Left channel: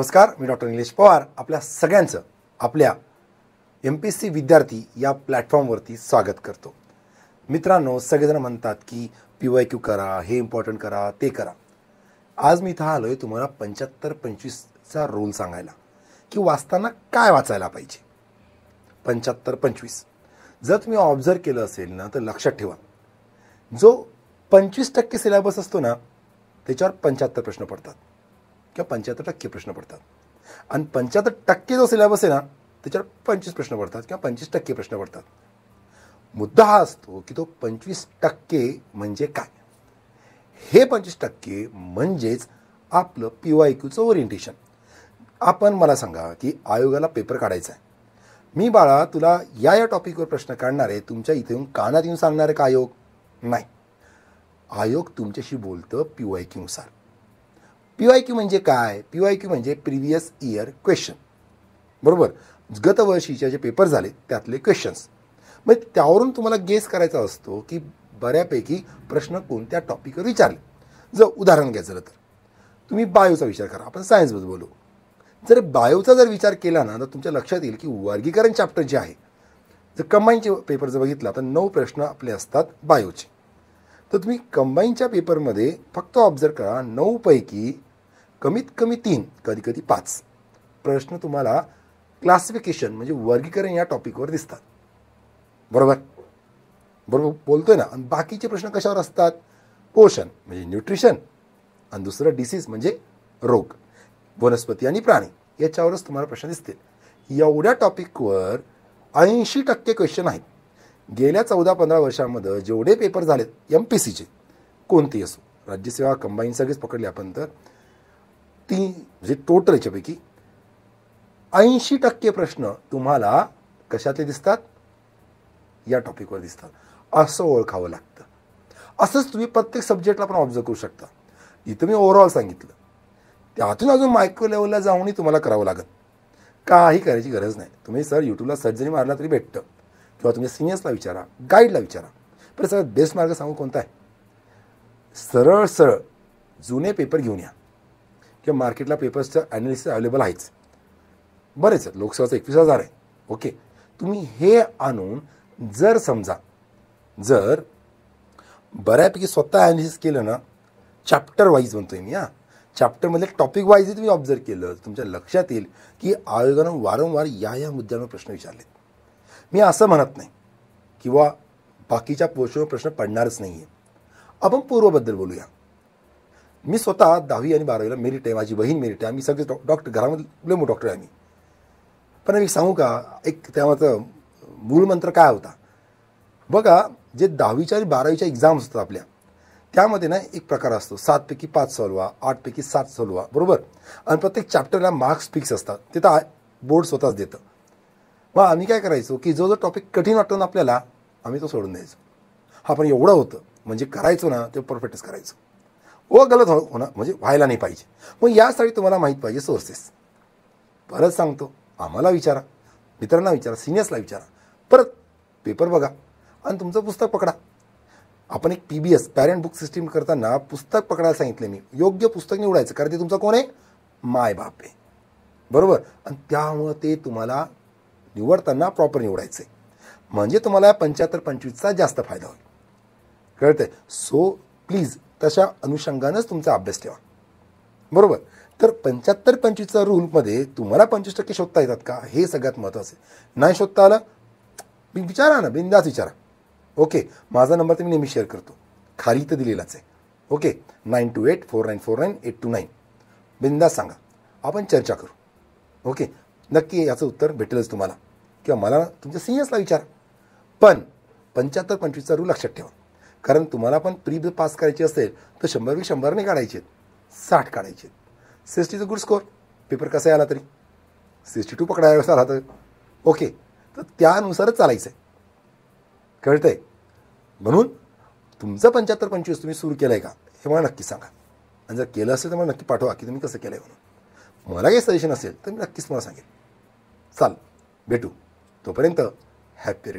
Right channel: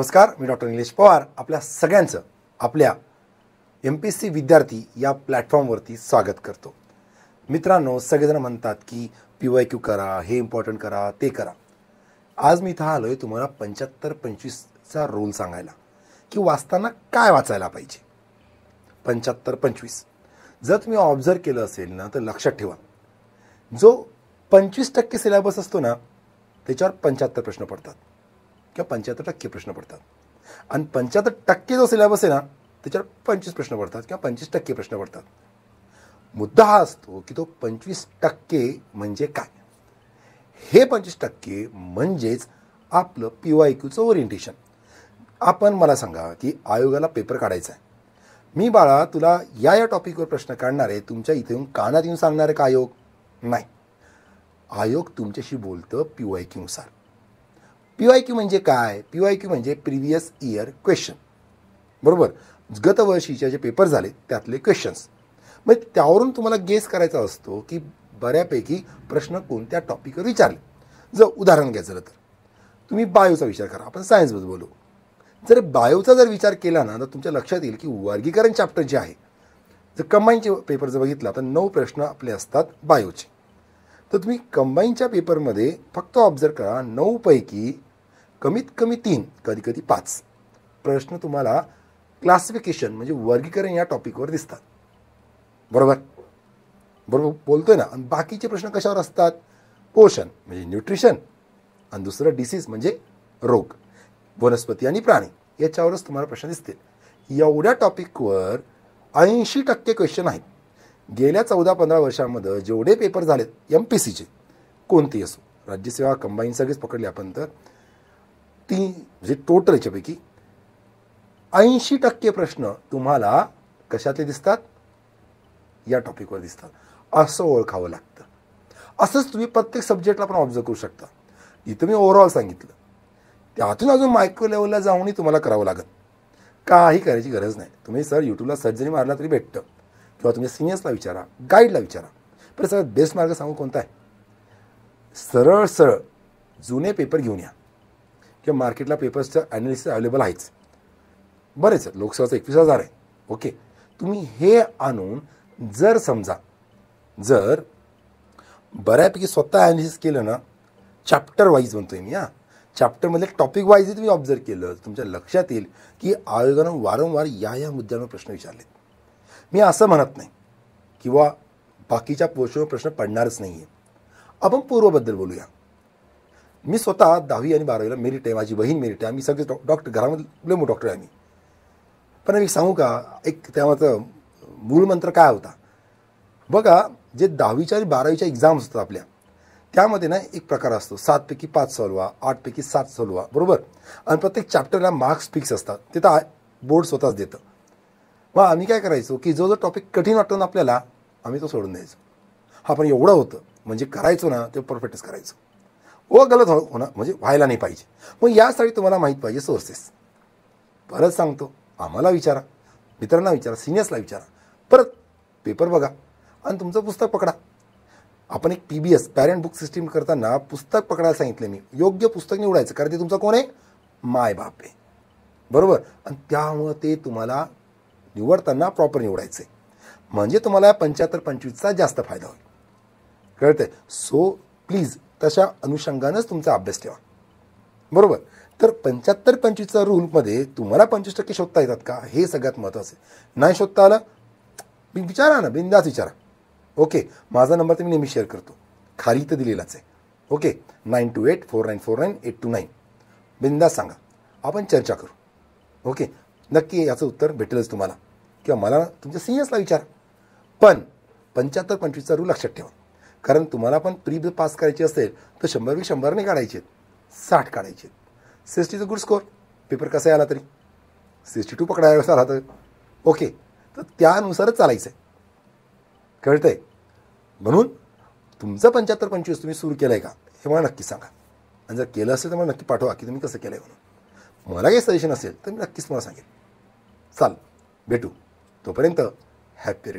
नमस्कार, मी डॉक्टर निलेश पवार आपल्या सगळ्यांचं आपल्या MPSC विद्यार्थी या प्लॅटफॉर्मवरती स्वागत करतो. मित्रांनो, सगळेजण म्हणतात की PYQ करा, हे इम्पॉर्टंट करा, ते करा. आज मी इथं आलोय तुम्हाला 75-25चा रूल सांगायला की वाचताना काय वाचायला पाहिजे. 75-25 जर तुम्ही ऑब्झर्व केलं असेल ना तर लक्षात ठेवा, जो 25% सिलेबस असतो ना त्याच्यावर 75 प्रश्न पडतात किंवा 75% प्रश्न पडतात, आणि 75% जो सिलेबस आहे ना त्याच्यावर 25 प्रश्न पडतात किंवा 25% प्रश्न पडतात. मुद्दा हा असतो की तो 25% म्हणजे काय. हे 25% म्हणजेच आपलं PYQचं ओरिएंटेशन. आपण मला सांगा की आयोगाला पेपर काढायचा आहे, मी बाळा तुला या टॉपिकवर प्रश्न काढणार आहे, तुमच्या इथे येऊन कानात येऊन सांगणार आहे का आयोग? नाही. आयोग तुमच्याशी बोलतं PYQ नुसार. PYQ म्हणजे काय? PYQ म्हणजे प्रिव्हियस इयर क्वेश्चन, बरोबर. गत वर्षीचे जे पेपर झाले त्यातले क्वेश्चन्स, मग त्यावरून तुम्हाला गेस करायचा असतो की बऱ्यापैकी प्रश्न कोणते. तुम्ही बायोचा विचार करा, आपण सायन्स बद्दल बोलू. जर बायोचा जर विचार केला ना तर तुमच्या लक्षात येईल की वर्गीकरण चॅप्टर जे आहे, तर कंबाईनचे पेपर जर बघितला तर 9 प्रश्न आपले असतात बायोचे. तर तुम्ही कंबाईनच्या पेपरमध्ये फक्त ऑब्झर्व करा, 9 पैकी कमीत कमी 3, कधी कधी 5 प्रश्न तुम्हाला क्लासिफिकेशन म्हणजे वर्गीकरण या टॉपिकवर दिसतात. बरोबर बरोबर बोलतोय ना. आणि बाकीचे प्रश्न कशावर असतात? पोषण म्हणजे न्यूट्रिशन, आणि दुसरं डिसीज म्हणजे रोग, वनस्पती आणि प्राणी, याच्यावरच तुम्हाला प्रश्न दिसतील. एवढ्या टॉपिकवर 80% क्वेश्चन आहेत. गेल्या 14-15 वर्षांमध्ये जेवढे पेपर झालेत MPSCचे कोणतेही असो, राज्यसेवा कंबाईन सगळेच पकडले आपण, तर 3 म्हणजे टोटल याच्यापैकी 80% प्रश्न तुम्हाला कशात दिसतात? या टॉपिकवर दिसतात. असं ओळखावं लागतं. असंच तुम्ही प्रत्येक सब्जेक्टला पण ऑब्झर्व करू शकता. इथं मी ओव्हरऑल सांगितलं, त्यातून अजून मायक्रो लेवलला जाऊनही तुम्हाला करावं लागेल. काही करायची गरज नाही. तुम्ही सर युट्यूबला सर्च जरी मारला तरी भेटतं, किंवा तुम्ही सिनियर्सला विचारा, गाईडला विचारा. तर सगळ्यात बेस्ट मार्ग सांगू कोणता आहे? सरळ सरळ जुने पेपर घेऊन या, किंवा मार्केटला पेपर्सचं अनालिसिस अवेलेबल आहेच, बरेच आहेत. लोकसभाचं 21,000 आहे. ओके, तुम्ही हे आणून जर समजा जर बऱ्यापैकी स्वतः अनालिसिस केलं ना, चॅप्टर वाईज म्हणतोय मी, चॅप्टरमध्ये टॉपिक वाईज तुम्ही ऑब्झर्व केलं, तुमच्या लक्षात येईल की आयोगानं वारंवार या मुद्द्याने प्रश्न विचारले. मी असं म्हणत नाही किंवा बाकीच्या पोषक प्रश्न पडणारच नाही. आपण पूर्वबद्दल बोलूया. मी स्वतः 10वी आणि 12वीला मेरिट आहे, माझी बहीण मेरिट आहे, आम्ही सगळे डॉक्टर, घरामध्ये लय डॉक्टर आहे आम्ही. पण मी सांगू का, एक त्यामध्ये मूळ मंत्र काय होता बघा. जे 10वीच्या आणि 12वीच्या एक्झाम असतात आपल्या, त्यामध्ये ना एक प्रकार असतो, 7 पैकी 5 सॉल्वा, 8 पैकी 7 सॉल्वा, बरोबर. आणि प्रत्येक चॅप्टरला मार्क्स फिक्स असतात, ते तर बोर्ड स्वतःच देतं. मग आम्ही काय करायचो की जो टॉपिक कठीण वाटतो ना आपल्याला, आम्ही तो सोडून द्यायचो. हा पण एवढं होतं म्हणजे करायचो ना ते परफेक्टच करायचं. गलत होतं म्हणजे व्हायला नाही पाहिजे. मग यासाठी तुम्हाला माहित पाहिजे सोर्सेस. परत सांगतो, आम्हाला विचारा, मित्रांना विचारा, सिनियर्सला विचारा, परत पेपर बघा आणि तुमचं पुस्तक पकडा. आपण एक PBS पॅरेंट बुक सिस्टीम करताना पुस्तक पकडायला सांगितलं मी. योग्य पुस्तक निवडायचं, कारण ते तुमचं कोण आहे? माय बाप आहे, बरोबर. आणि त्यामुळे ते तुम्हाला निवडताना प्रॉपर निवडायचंय, म्हणजे तुम्हाला 75-25चा जास्त फायदा होईल, कळतंय. सो प्लीज तशा अनुषंगानंच तुमचा अभ्यास ठेवा, बरोबर. तर 75-25चा रूलमध्ये तुम्हाला 25% शोधता येतात का, हे सगळ्यात महत्वाचं आहे. नाही शोधता आलं विचारा ना, बिंदास विचारा. ओके, माझा नंबर तर मी नेहमी शेअर करतो, खाली तर दिलेलाच आहे. ओके, 9284949829. बिंदास सांगा, आपण चर्चा करू. ओके, नक्की याचं उत्तर भेटेलच तुम्हाला, किंवा मला तुमच्या सिनियर्सला विचारा. पण 75-25चा रूल लक्षात ठेवा, कारण तुम्हाला पण प्री पास करायची असेल तर 100 नाही काढायचे, 60 काढायचे. 60चा गुड स्कोअर, पेपर कसा आला तरी 62 पकडायला राहतं. ओके, तर त्यानुसारच चालायचंय, कळतंय. म्हणून तुमचं 75-25 तुम्ही सुरू केलंय का हे मला नक्की सांगा, आणि जर केलं असेल तर मला नक्की पाठवा की तुम्ही कसं केलंय. मला जर सजेशन असेल तर नक्कीच मला सांगेल. चालेल, भेटू. तोपर्यंत हॅपी.